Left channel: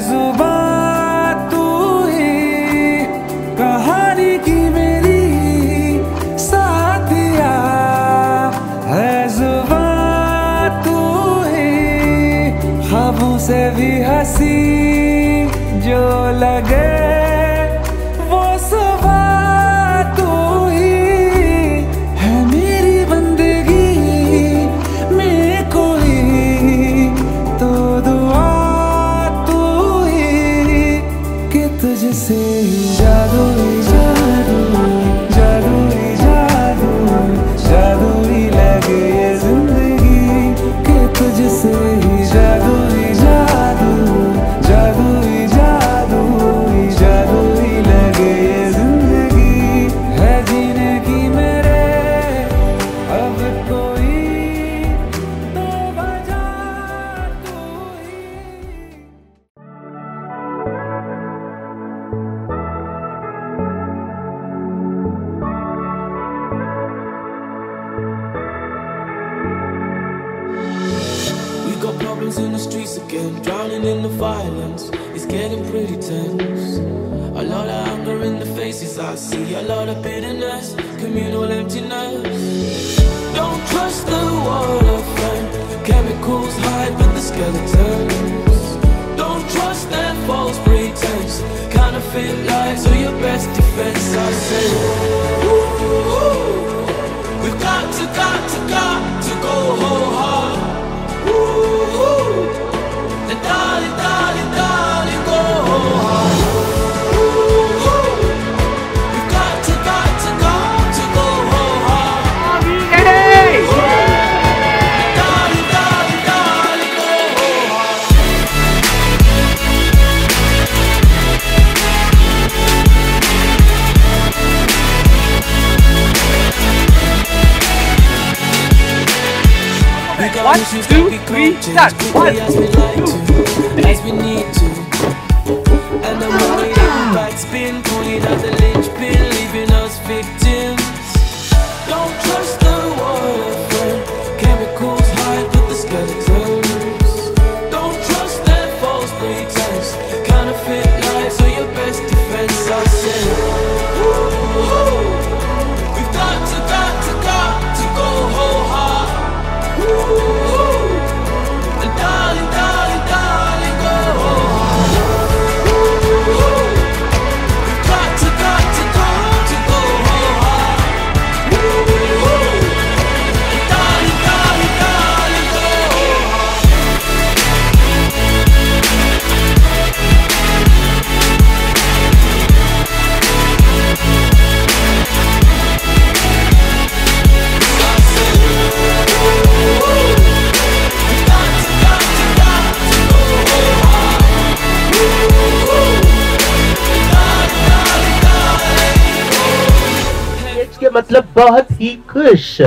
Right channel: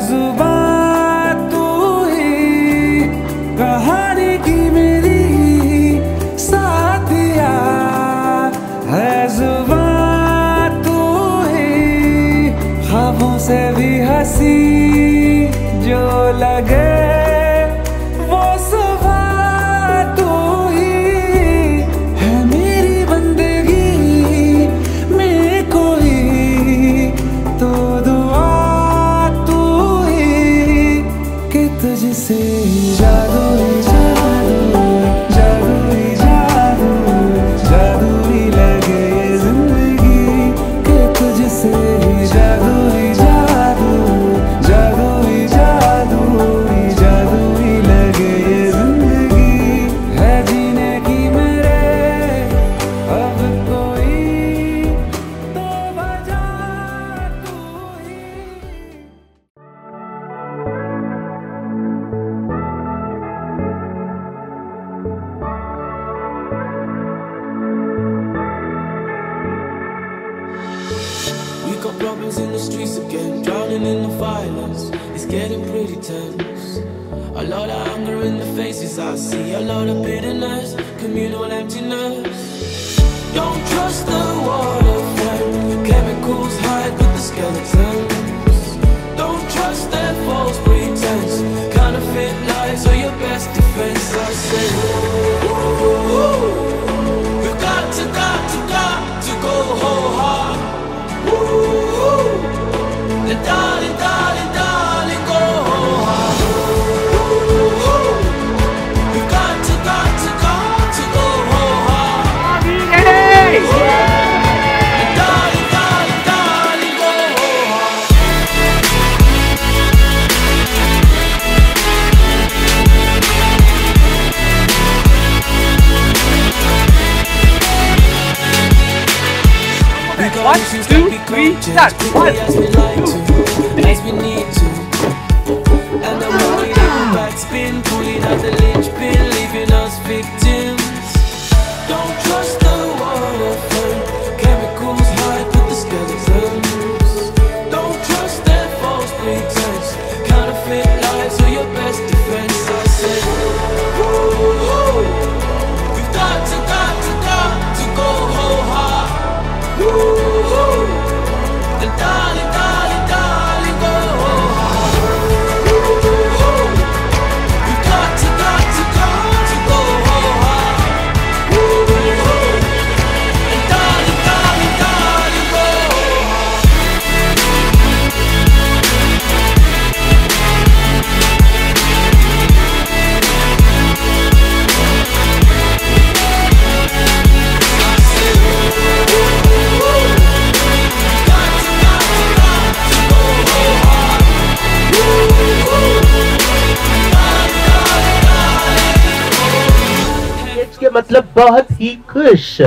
जुबान तू ही कहानी की मेरी साथिया, है जुबान तू ही ख्वाबों से भी हंसी जो लगे वो सुबह तू ही है मेरी बंदगी में कोई तो दुआ तू ही कि तुझसे ही जादू ही जादू जादू ही जादू जादू ही लगे ये जिंदगी कि तुझसे ही जादू ही जादू जादू ही जादू जादू ही लगे ये जिंदगी है जीने की मेरे अब कोई तो वजह तू ही। We got problems in the streets again, drowning in the violence. It's getting pretty tense. A lot of anger in the faces I see, a lot of bitterness, communal emptiness. Don't trust the water friend, chemicals hide with the skeletons. Don't trust their false pretense, counterfeit lies are your best defense. I say, ooh, we've got to go hard. And darling, darling, darling, go hard. We've got to go hard. And darling, darling, darling, go hard. We got issues that we can't change quickly as we like to, as we need to. And then when we hit backspin, pulling out the linchpin, leaving us victims. Don't trust the water friend, chemicals hide with the skeletons. Don't trust their false pretense, counterfeit lies are your best defense. I say, ooh, we've got to go hard. And darling, darling, darling, go hard. We've got to go hard. And darling, darling, darling, go hard. के मतलब बहुत ही खुश।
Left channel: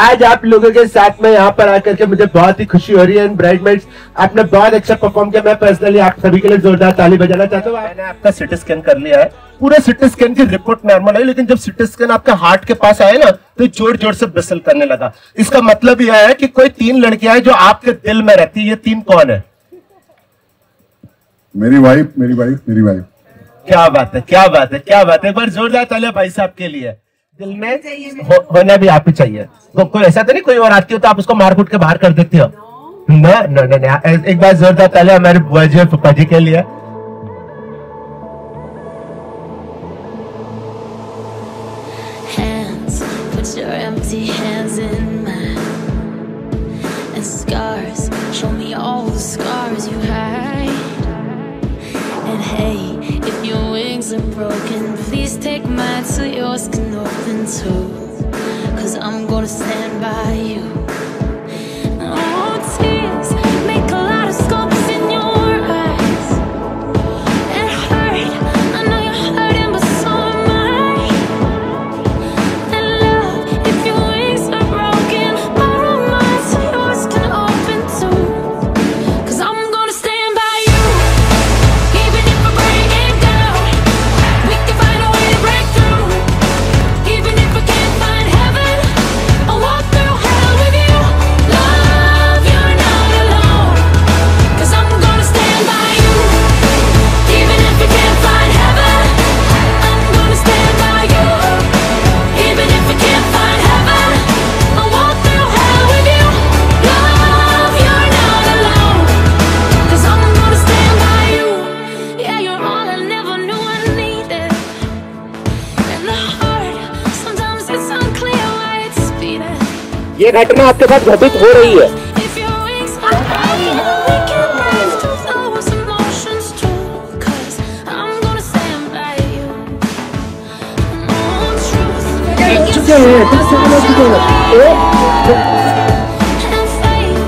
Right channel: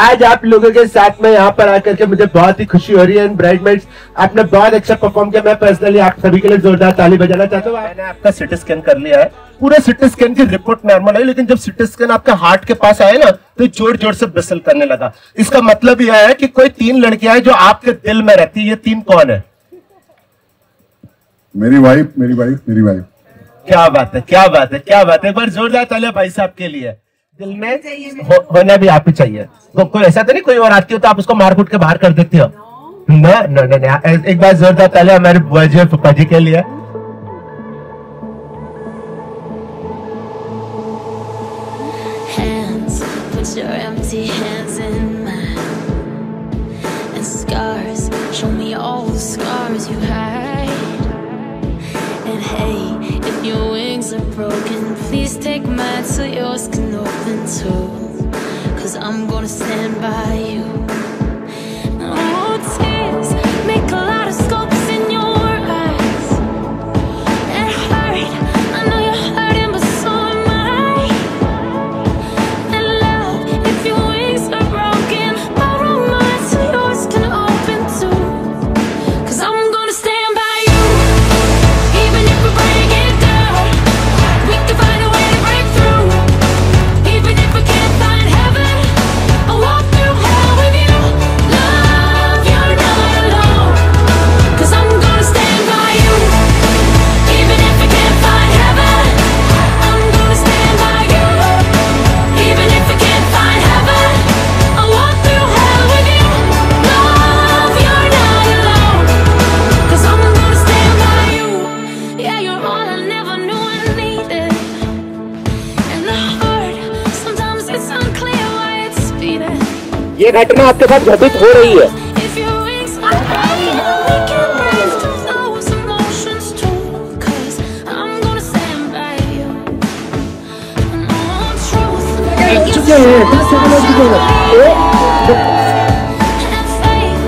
आज आप लोगों के साथ में यहाँ पर आकर के मुझे बहुत ही खुशी हो रही है। ब्राइडमेड्स आपने बहुत अच्छा परफॉर्म किया। मैं पर्सनली आप सभी के लिए जोरदार ताली बजाना चाहता हूँ। मैंने आपका सिटी स्कैन कर लिया है, पूरे सिटी स्कैन की रिपोर्ट नॉर्मल है, लेकिन जब सिटी स्कैन आपके हार्ट के पास आए ना तो जोर जोर से बिसल करने लगा। इसका मतलब यह है कि कोई 3 लड़कियां हैं जो आपके दिल में रहती है। ये 3 कौन है? मेरी वाइफ, मेरी वाइफ, मेरी वाइफ। क्या बात है, क्या बात है, क्या बात है। एक बार जोरदार तालियां भाई साहब के लिए। दिल में होना भी आप ही चाहिए। तो कोई ऐसा तो नहीं कोई और आती हो तो आप उसको मार कूट के बाहर कर देते हो? ना ना ना, एक बार जोरदार तालियां हमारे बुआ जी और फूफा जी के लिए। Hands, put your empty hands in mine. And scars, show me all the scars you hide. And hey, if your wings are broken, please take mine so yours can open too. 'Cause I'm gonna stand by you. Oh, tears make a lot of sculpts in your eyes. It hurt, I know you're hurting, but so am I. And love, if your wings are broken, borrow mine so yours can open too. 'Cause I'm gonna stand by you. Even if we break it down, we can find a way to break through. Even if we can't find heaven, I'll walk through hell with you. घटना आपके साथ घटित हो रही है। If your wings are high, we can rise to those emotions too. 'Cause I'm gonna stand by you. No truth. And faith,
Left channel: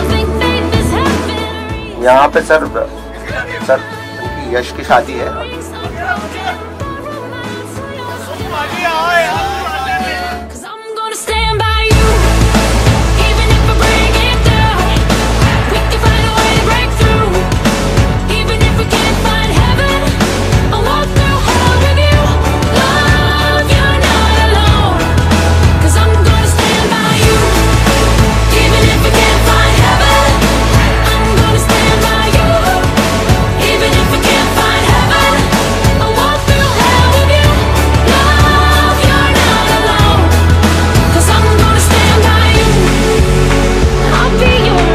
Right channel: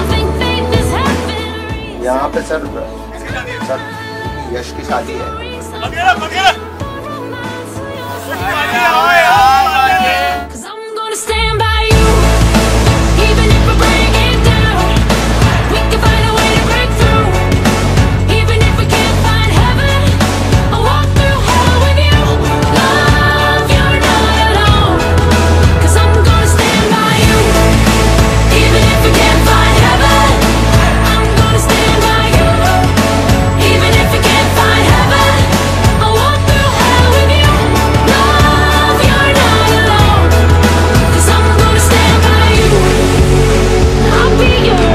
I think faith is heaven. यहाँ पे sir यश की शादी है। Cause I'm gonna stand by you. Even if we bring it down, we can find a way to break through. Even if we can't find heaven, I'll walk through hell with you. Love, you're not alone. Cause I'm gonna stand by you. Even if we can't find heaven, I'm gonna stand by you. Even if we can't find heaven, I'll walk through hell with you. Love, you're not alone. Cause I'm gonna stand by you. I'll be your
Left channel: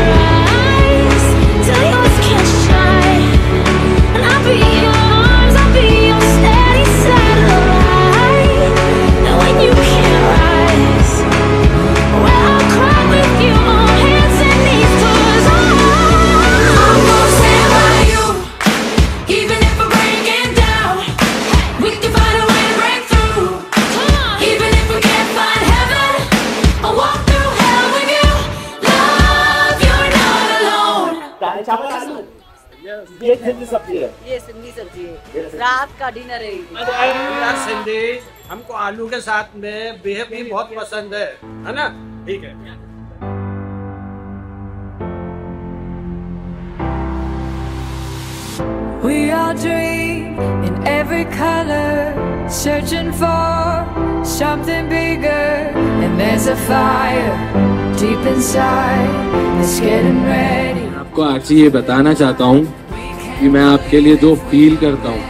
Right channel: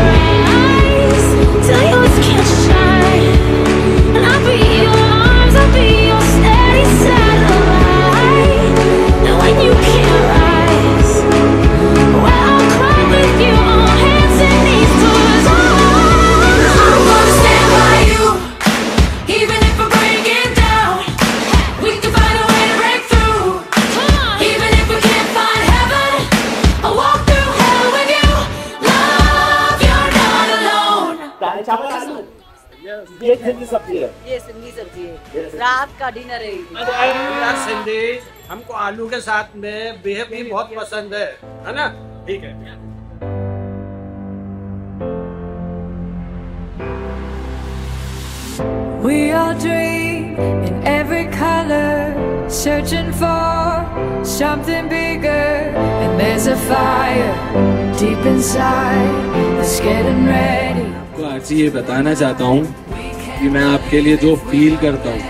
eyes till yours can't shine. And I'll be your arms, I'll be your steady satellite. And when you can't rise, well, I'll cry with you on hands and knees. 'Cause I'm gonna stand by you. Even if we break it down, we can find a way to break through. Come on. Even if we can't find heaven, I'll walk through hell with you. Love, you're not alone. ये सिंधी सब्जी है। ये सिंधी सब्जी है, रात का dinner है। यार सिंधी हमको आलू के साथ में बेहद भी बहुत पसंद है ना? ठीक है। We all dream in every color, searching for something bigger. And there's a fire deep inside that's getting ready. आपको आज ये बताना चाहता हूँ कि मैं आपके लिए जो फील करता हूँ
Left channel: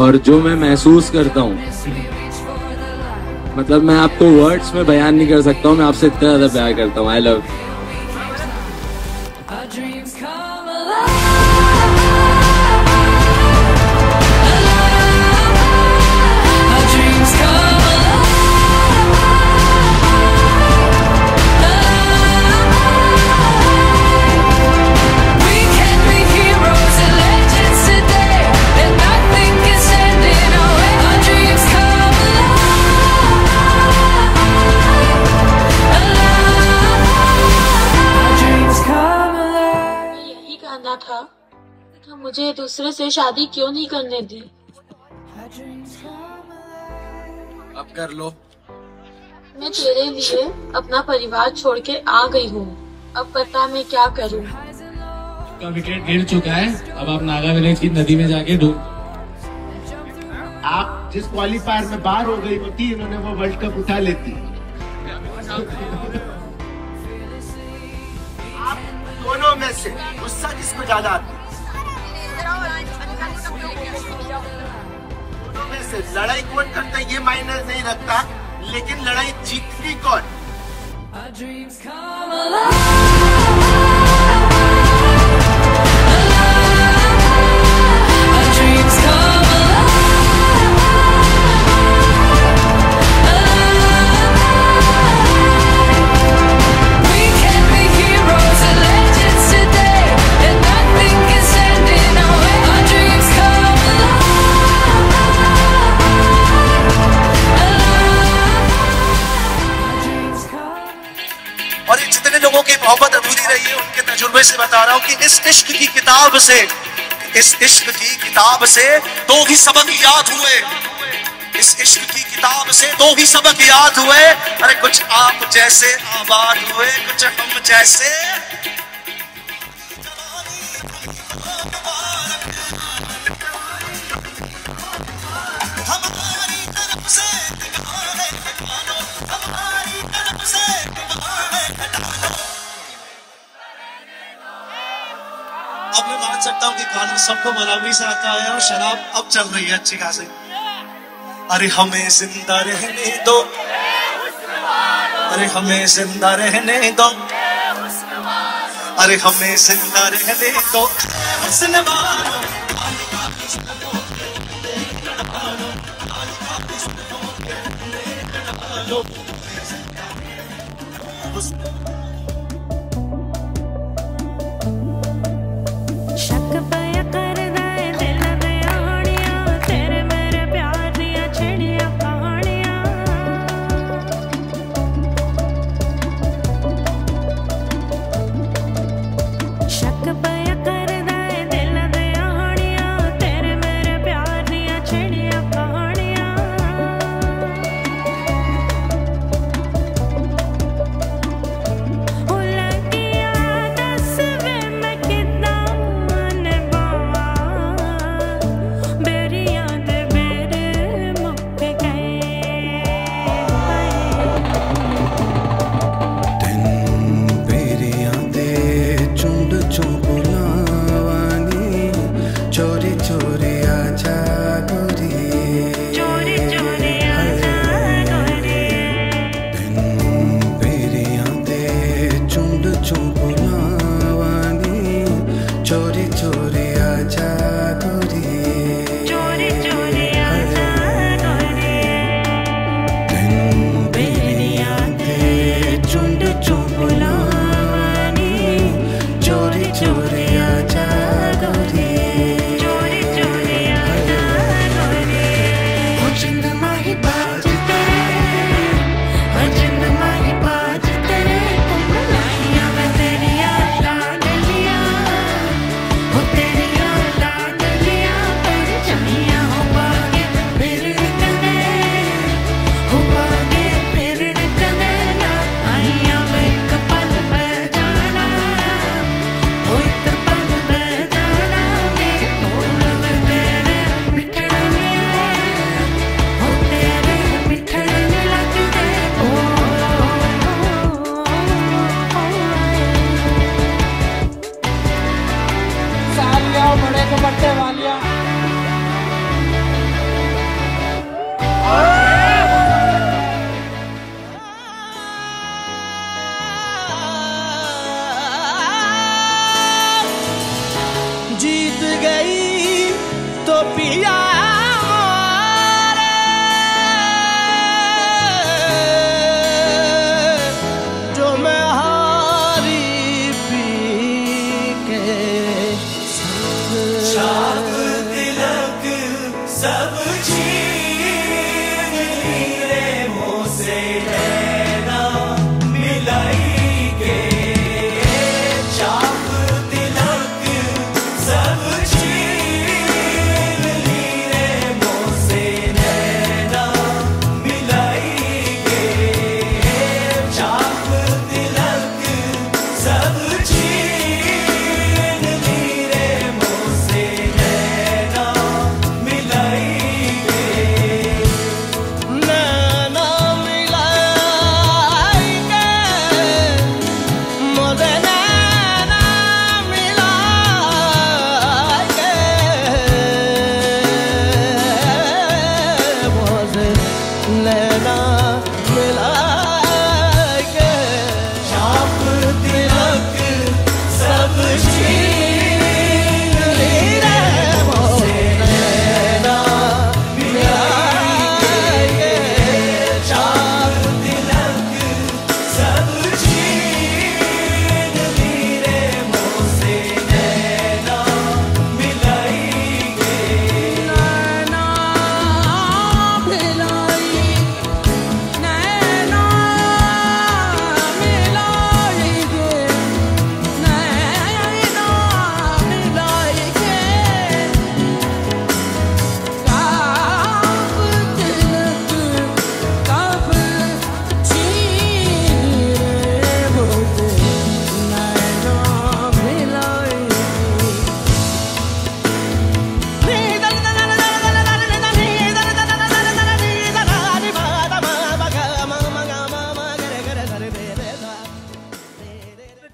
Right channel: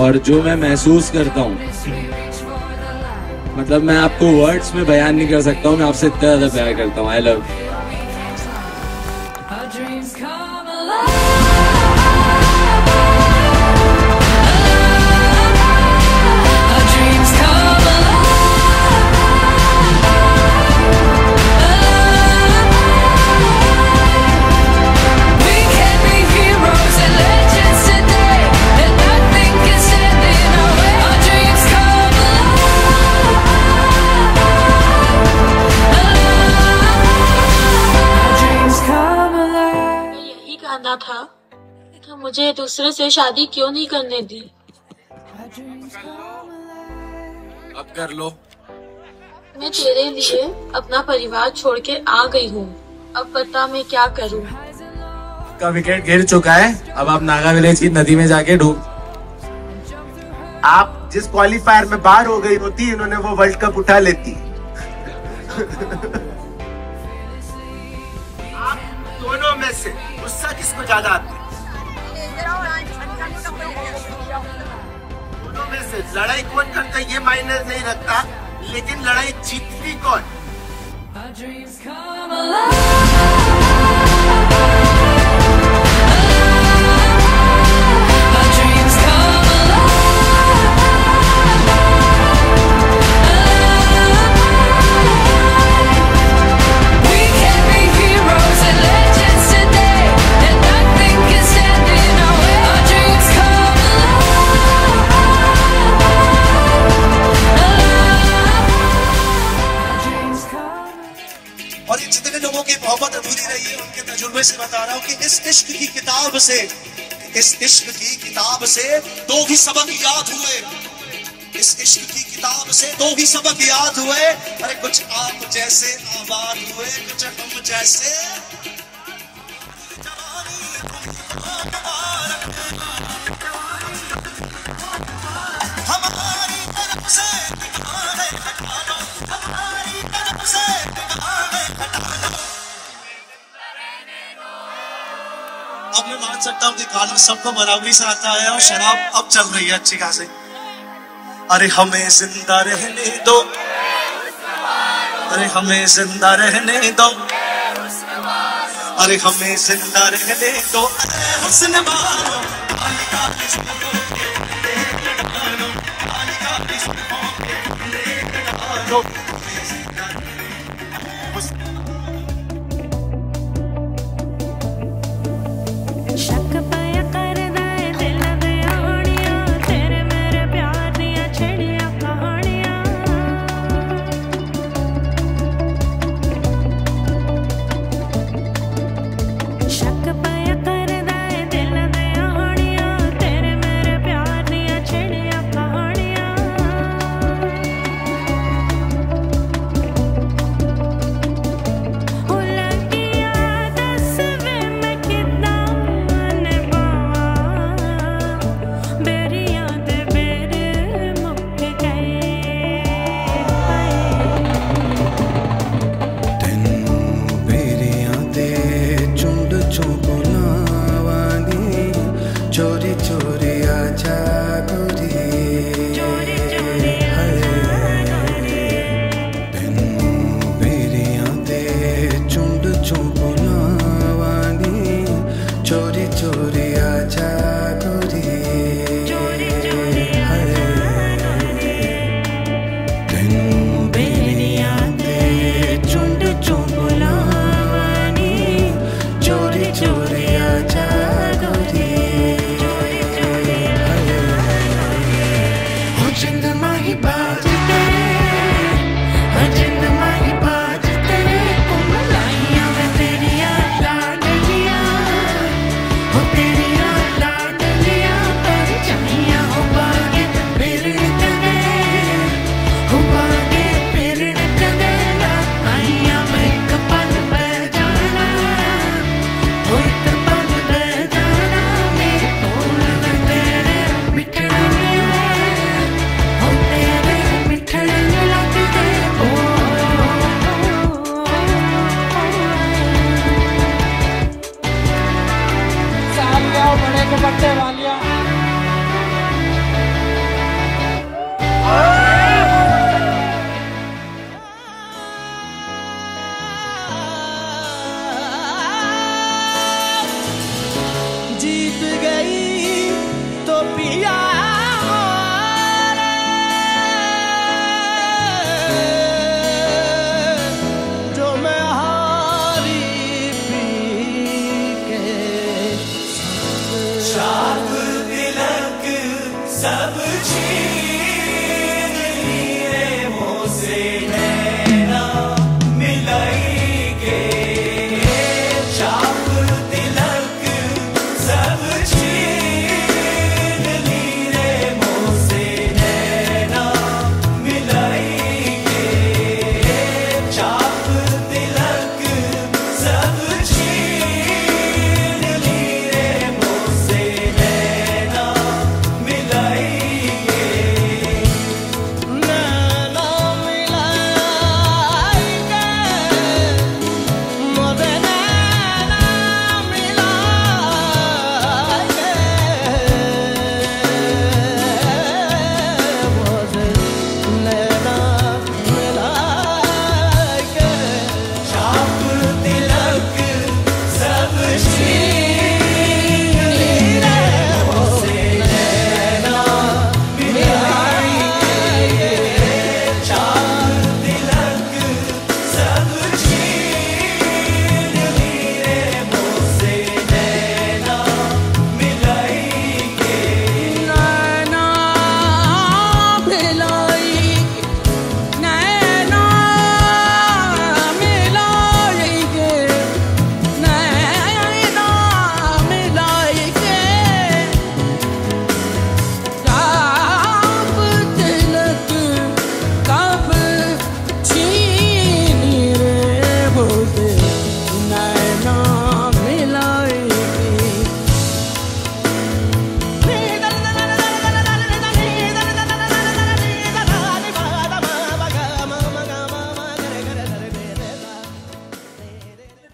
और जो मैं महसूस करता हूँ, मतलब मैं आपको वर्ड्स में बयान नहीं कर सकता हूँ। मैं आपसे इतना ज्यादा प्यार करता हूँ। I love. Our dreams come alive. Our dreams come alive. We can be heroes and legends today, and nothing can stand in our way. Our dreams come alive. Our dreams come alive. यही कहना था कि मुझे दूसरे से शादी क्यों नहीं करने दी। Our dreams come alive. अब कर लो। मैं तेरे लिए अपना परिवार छोड़ के आ गई हूँ। अब बता मैं क्या करूँ। का विकेट गिर चुका है। अब आप नागा विलेज की नदी में जाके डूब। आप जिस क्वालिफायर में बाहर हो गई होती, इन्होंने वो वर्ल्ड कप उठा लेती। आप दोनों में से गुस्सा किसको ज्यादा आती है? दोनों में से लड़ाई कौन करता है ये मायने नहीं रखता, लेकिन लड़ाई जीतती कौन? Our dreams come alive. Our dreams come alive. We can be heroes and legends today, and nothing can stand in our way. Our dreams come alive. Our dreams come alive. और ये जितने लोगों की मोहब्बत अधूरी रही है उनके तजुर्बे से बता रहा हूँ कि इस इश्क की किताब से, इस इश्क की किताब से दो ही सबक याद हुए। इस इश्क की किताब से दो ही सबक याद हुए। अरे कुछ आप जैसे आबाद हुए, कुछ हम जैसे। हमारी तरफ से हमारी तरफ से अब मैं मान सकता हूँ कि खाना सबको बराबरी से आता है और शराब अब चल रही है अच्छी खासी। अरे हमें जिंदा रहने दो, अरे हमें जिंदा रहने दो, अरे हमें जिंदा रहने दो। हुस्न मानो चो बुलावानी चोरी चोरी आजा गोरी दिन बेरिया दे चुंड चो बुलावानी चोरी चोरी आजा गोरी जीत गई तो पिया मोरे जो मैं हारी पी के संग चाप तिलक सब छीन लिए मुझसे नैना मिलाई के चाप तिलक सब छीन लिए मुझसे नैना मिलाई के चाप तिलक सब छीन लिए मुझसे नैना मिलाई के नैना मिलाई के मुझे नैना मिलाई के मुझे नैना मिलाई के चाप तिलक सब छीन लिए मुझसे नैना मिलाई के चाप तिलक सब छीन लिए मुझसे नैना मिलाई के नैना मिलाई नैना मिलाई के नैना मिलाई के चाप तिलक कब छीन रे मुझसे नैना मिलाई के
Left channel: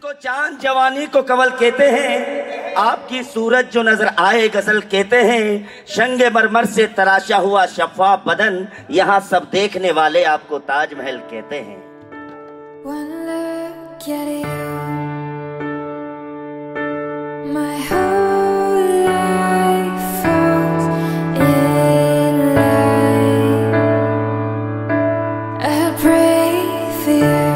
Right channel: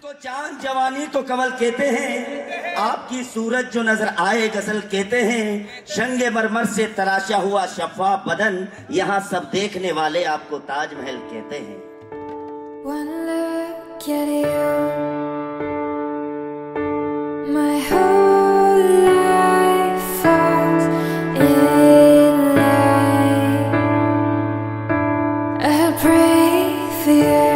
को चांद जवानी को कवल कहते हैं, आपकी सूरत जो नजर आए गजल कहते हैं, शंगे मरमर से तराशा हुआ शफाफ बदन, यहाँ सब देखने वाले आपको ताजमहल कहते हैं। One look at you, my whole life falls in line. I pray for you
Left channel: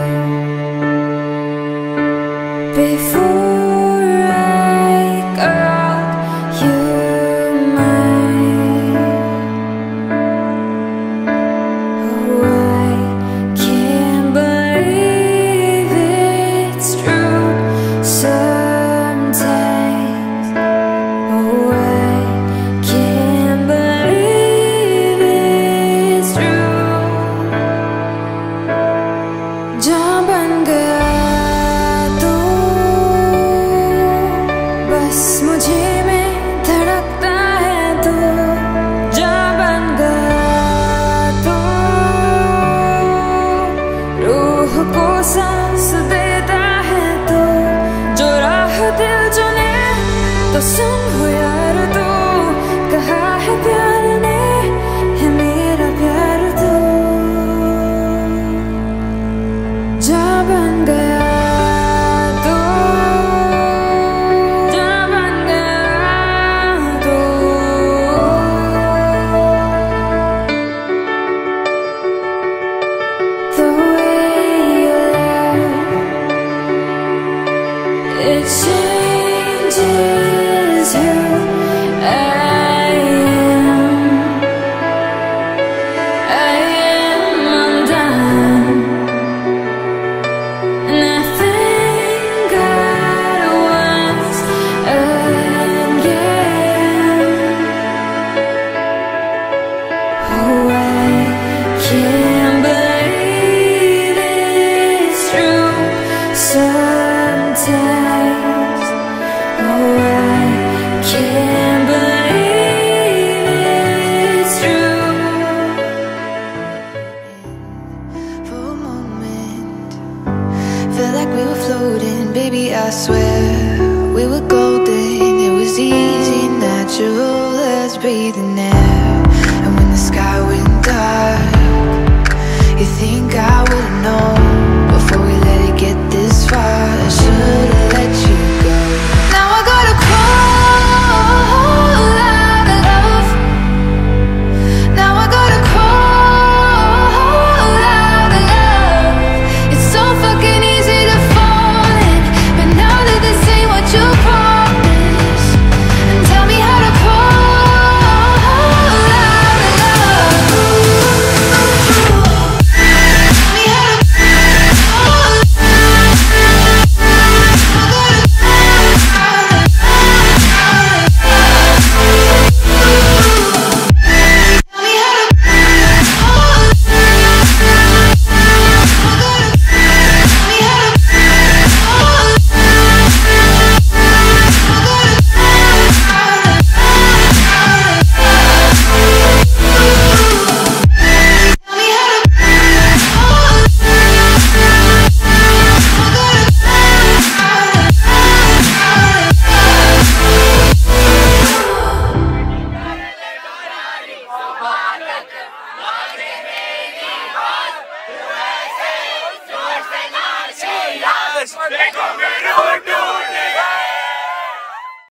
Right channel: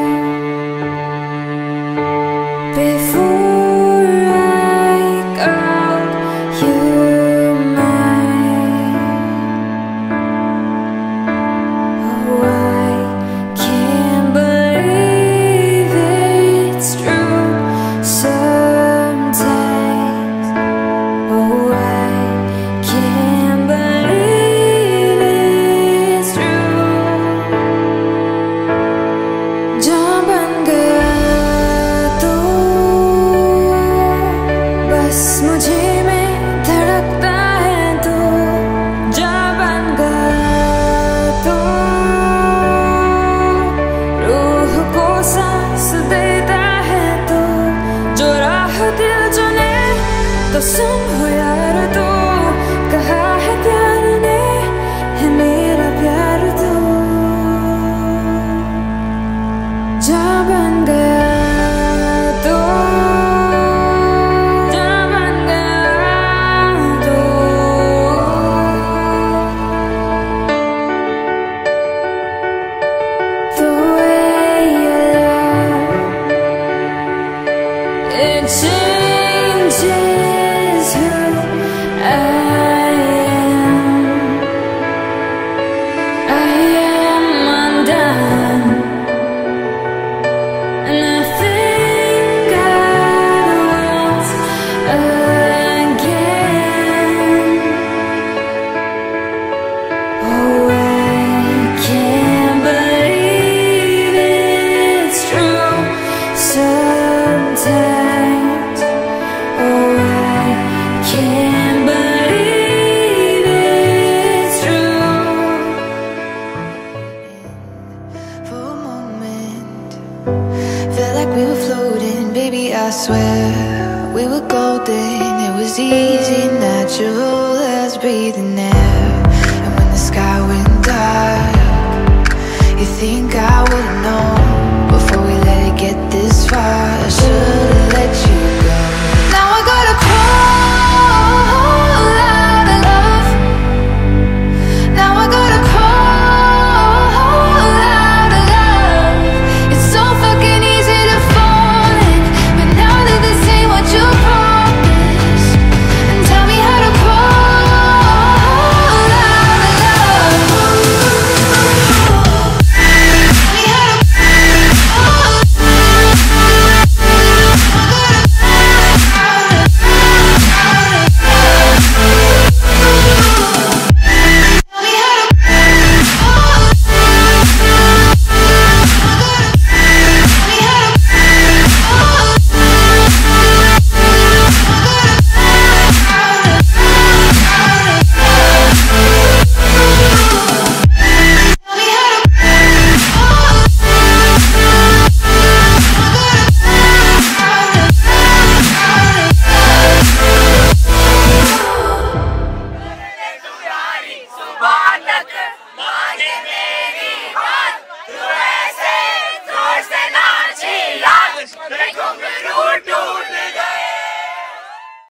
before I call you mine. Oh, I can't believe it's true sometimes. Oh, I can't believe it's true. जहाँ बन गया तू, बस मुझे में धड़कता है तू। जहाँ बन गया तू, रूह को सांस देता है तू। जो राह दिल जो तो सुन हो यार तू, कहा है प्यार ने है मेरा प्यार तू, जा बन गया तो, जा बन गया तो। It changes who I am undone, and I think once again. Oh, I can't believe it's true sometimes. Oh, I can't believe it's true. For a moment, felt like we were floating, baby, I swear we were golden. It was easy, natural as breathing air. And when the sky went dark, you think I would've known before we let it get this far. I should've let you go. Now I gotta crawl out of love. Now I gotta crawl out of love. It's so fucking easy to fall in, but now that this ain't what you promised, and tell me how to crawl out of love. Tell me how to crawl. I gotta tell me how to देखो